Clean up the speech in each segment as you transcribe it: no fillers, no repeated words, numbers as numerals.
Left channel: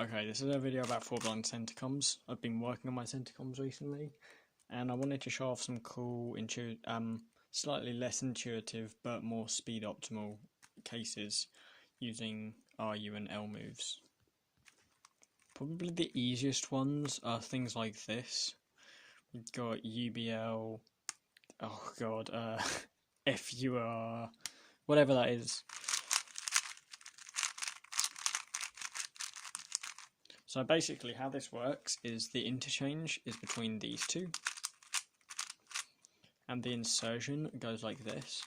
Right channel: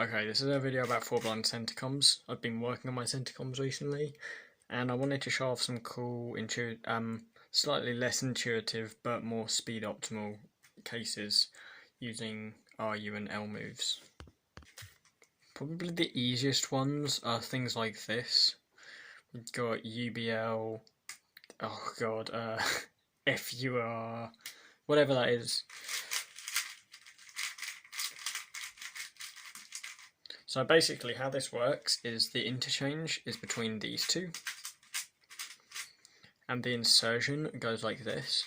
Okay, this is a video about four-blind centicomms. I've been working on my centicomms recently, and I wanted to show off some cool, slightly less intuitive but more speed optimal cases using rU and L moves. Probably the easiest ones are things like this. We've got UBL, oh god, FUR, whatever that is. So basically how this works is the interchange is between these two, and the insertion goes like this.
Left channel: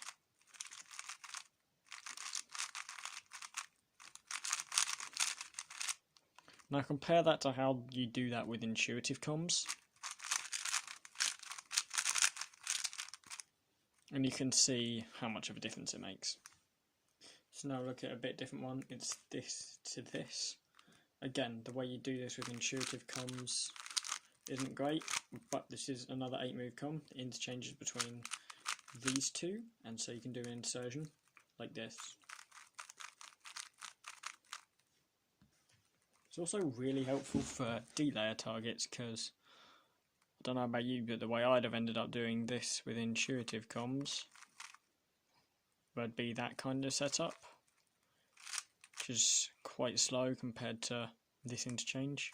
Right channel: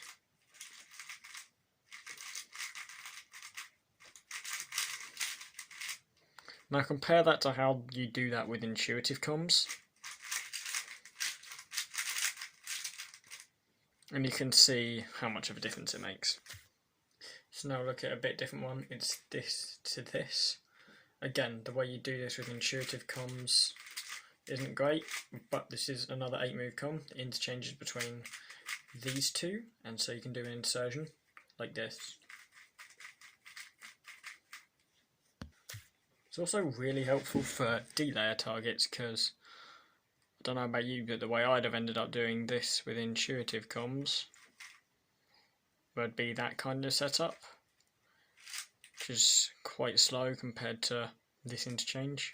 Now compare that to how you do that with intuitive comms. And you can see how much of a difference it makes. So now look at a bit different one. It's this to this. Again, the way you do this with intuitive comms isn't great, but this is another 8-move comm. The interchange is between these two, and so you can do an insertion like this. It's also really helpful for D-layer targets because I don't know about you, but the way I'd have ended up doing this with intuitive comms would be that kind of setup, which is quite slow compared to this interchange.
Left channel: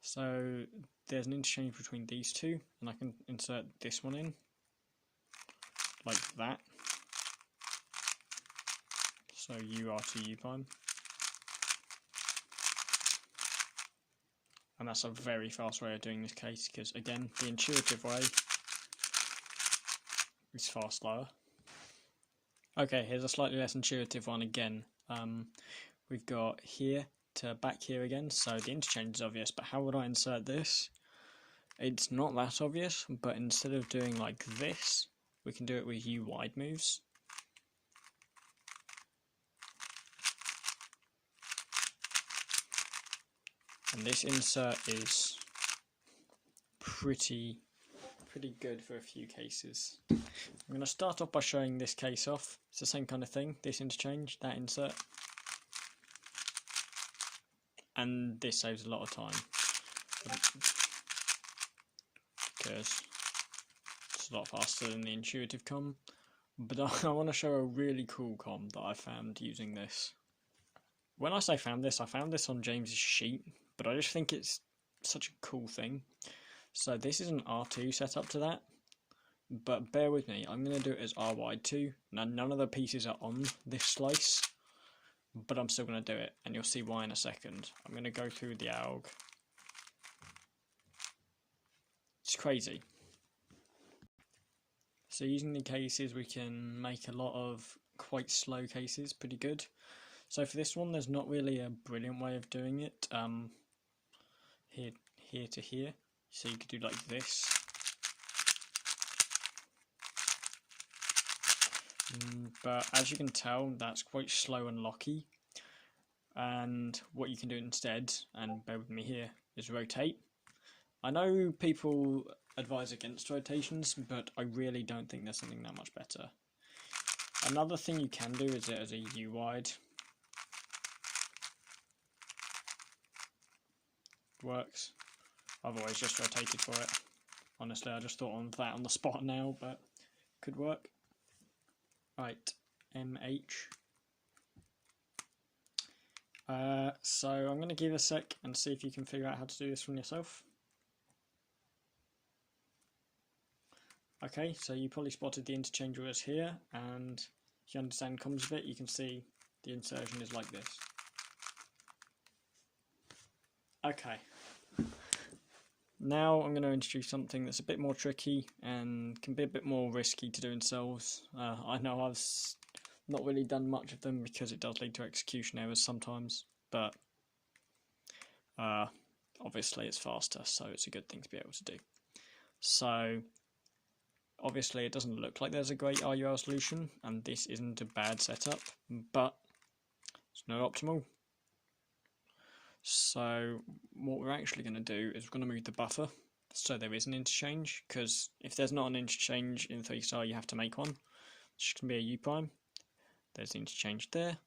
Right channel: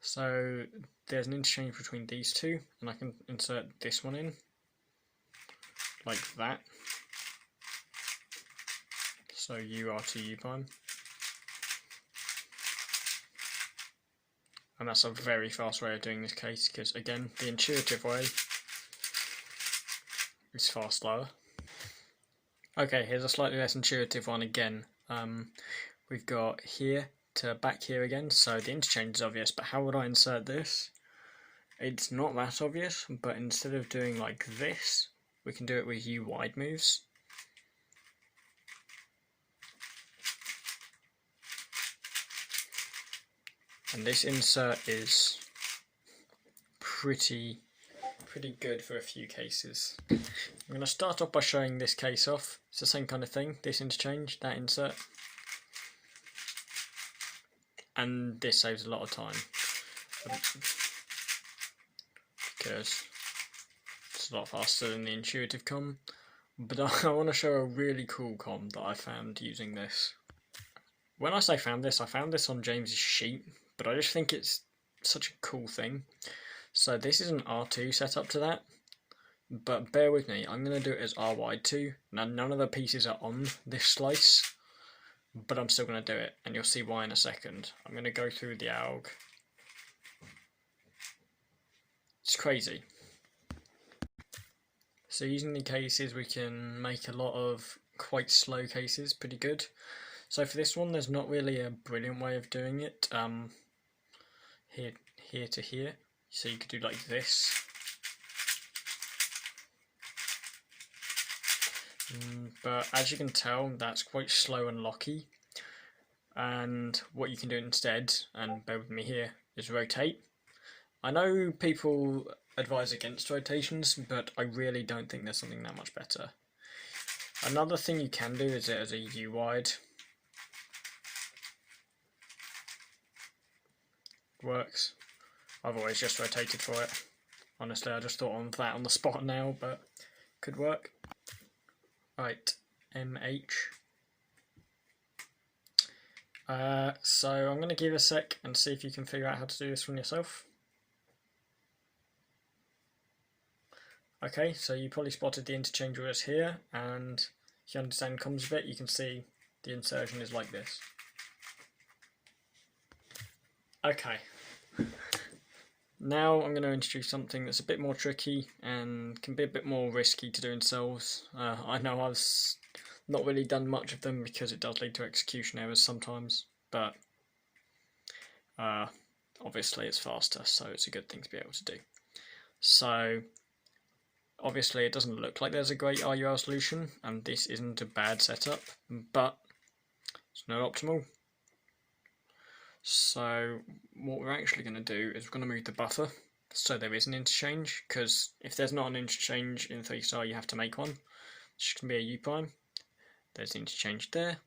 So there's an interchange between these two, and I can insert this one in like that. So UR to U prime. And that's a very fast way of doing this case because, again, the intuitive way is far slower. Okay, here's a slightly less intuitive one again. We've got here to back here again, so the interchange is obvious, but how would I insert this? It's not that obvious, but instead of doing like this, we can do it with U wide moves. And this insert is pretty good for a few cases. I'm going to start off by showing this case off. It's the same kind of thing, this interchange, that insert. And this saves a lot of time because it's a lot faster than the intuitive comm. But I want to show a really cool comm that I found using this. When I say found this, I found this on James's sheet, but I just think it's such a cool thing. So this is an R2 setup to that, but bear with me, I'm going to do it as R wide 2. Now none of the pieces are on this slice, but I'm still going to do it, and you'll see why in a second. I'm going to go through the alg. It's crazy. So using the cases, we can make a lot of quite slow cases pretty good. So for this one, there's not really a brilliant way of doing it. Here to here. So you could do like this. But as you can tell, that's quite slow and locky. And what you can do instead, and bear with me here, is rotate. I know people advise against rotations, but I really don't think there's something that much better. Another thing you can do is it as a U wide. Works. I've always just rotated for it. Honestly, I just thought of that on the spot now, but could work. Right, MH. So I'm going to give it a sec and see if you can figure out how to do this from yourself. Okay, so you probably spotted the interchange was here, and if you understand comms a bit, you can see the insertion is like this. Okay. Now I'm going to introduce something that's a bit more tricky and can be a bit more risky to do in cells. I know I've not really done much of them because it does lead to execution errors sometimes, but obviously it's faster, so it's a good thing to be able to do. So obviously it doesn't look like there's a great rUl solution, and this isn't a bad setup, but it's not optimal. So what we're actually going to do is we're going to move the buffer so there is an interchange, because if there's not an interchange in 3-star you have to make one, which can be a U prime. there's the interchange there,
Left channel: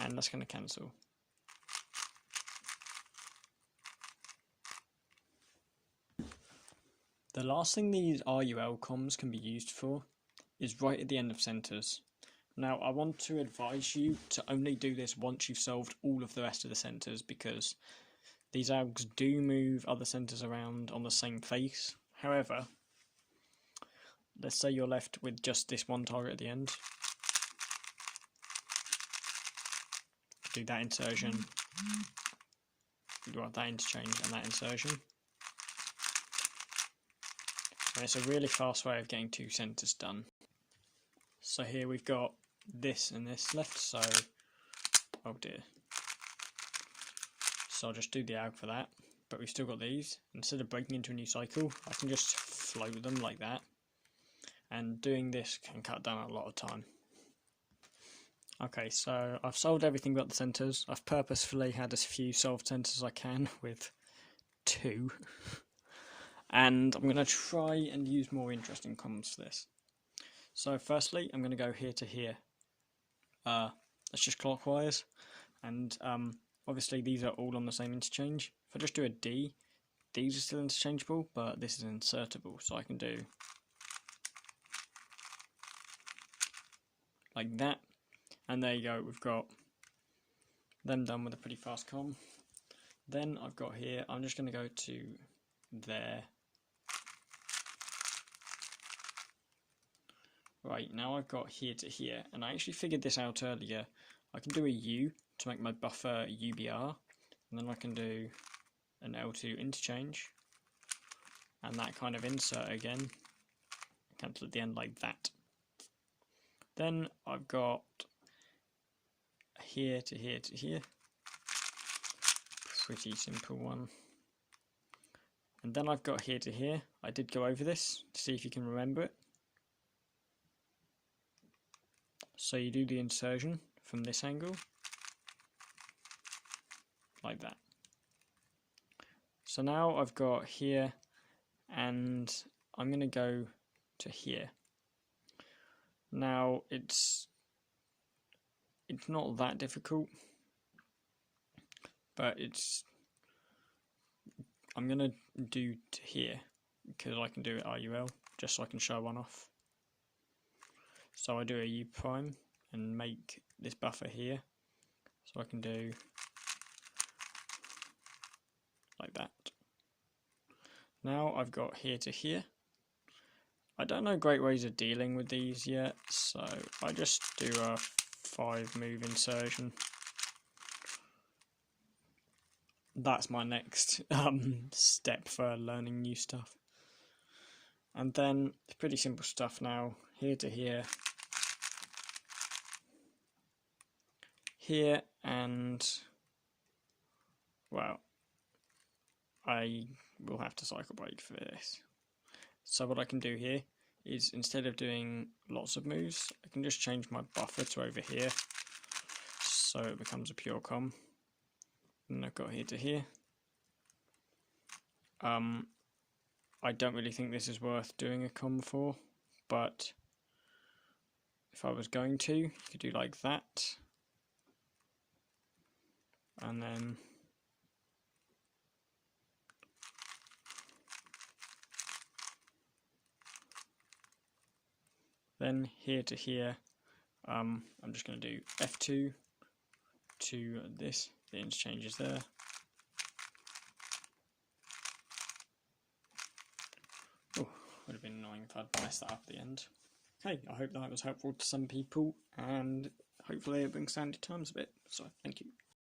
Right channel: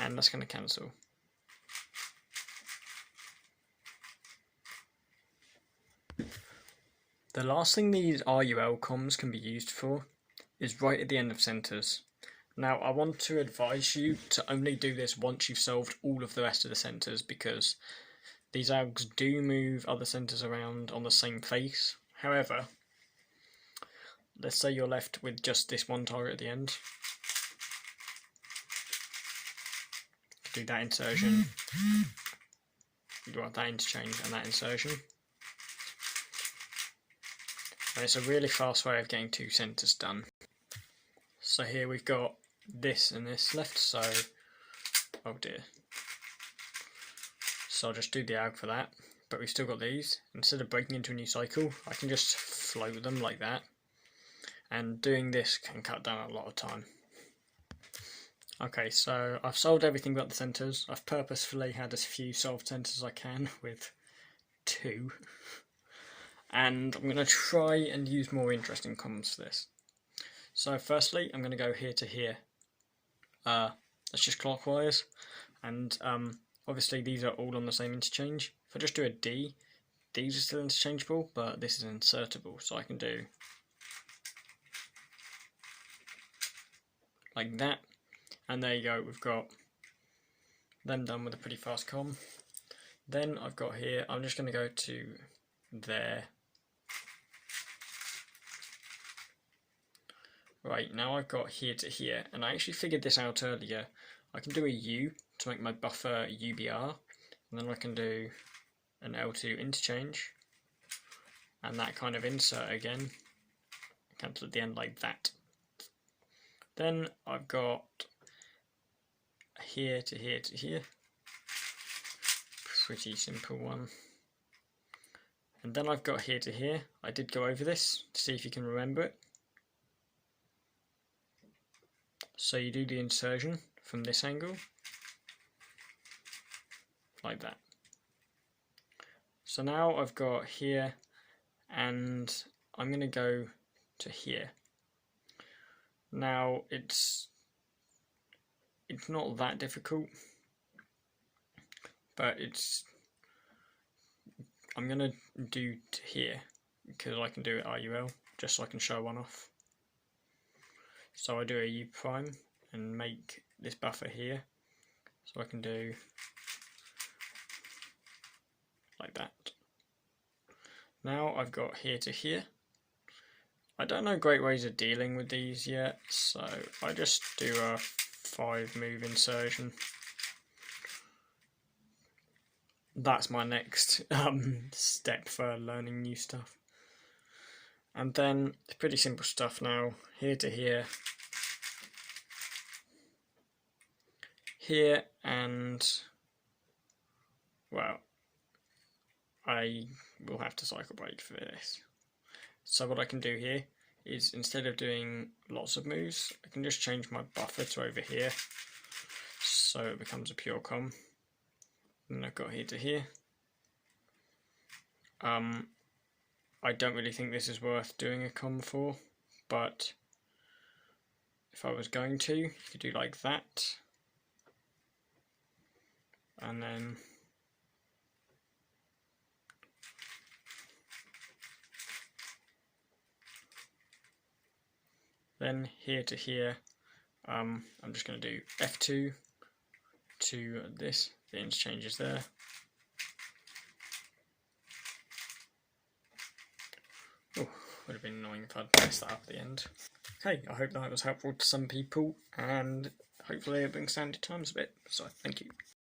and that's going to cancel. The last thing these rUl comms can be used for is right at the end of centres. Now I want to advise you to only do this once you've solved all of the rest of the centres, because these algs do move other centres around on the same face. However, let's say you're left with just this one target at the end. Do that insertion. You want that interchange and that insertion. And it's a really fast way of getting 2 centres done. So here we've got this and this left, so oh dear. So I'll just do the alg for that, but we've still got these. Instead of breaking into a new cycle, I can just float them like that, and doing this can cut down a lot of time. Okay, so I've solved everything but the centres. I've purposefully had as few solved centres as I can, with 2. And I'm going to try and use more interesting comms for this. So firstly, I'm going to go here to here. That's just clockwise, and obviously these are all on the same interchange. If I just do a D, these are still interchangeable, but this is insertable, so I can do like that, and there you go, we've got them done with a pretty fast comm. Then I've got here, I'm just going to go to there. Right, now I've got here to here, and I actually figured this out earlier. I can do a U to make my buffer UBR, and then I can do an L2 interchange, and that kind of insert again, cancel at the end like that. Then I've got here to here to here, pretty simple one. And then I've got here to here. I did go over this to see if you can remember it. So you do the insertion from this angle, like that. So now I've got here, and I'm going to go to here. Now it's not that difficult, but I'm going to do to here, because I can do it rUl, just so I can show one off. So I do a U prime and make this buffer here, so I can do like that. Now I've got here to here. I don't know great ways of dealing with these yet, so I just do a 5 move insertion. That's my next step for learning new stuff. And then it's pretty simple stuff now. Here to here, here, and well, I will have to cycle break for this. So what I can do here is, instead of doing lots of moves, I can just change my buffer to over here, so it becomes a pure comm. And I've got here to here. I don't really think this is worth doing a comm for, but if I was going to, you could do like that, and then here to here, I'm just going to do F2 to this, the interchange is there. Oh, would have been annoying if I'd messed that up at the end. Okay, I hope that was helpful to some people, and hopefully it brings down your times a bit, so thank you.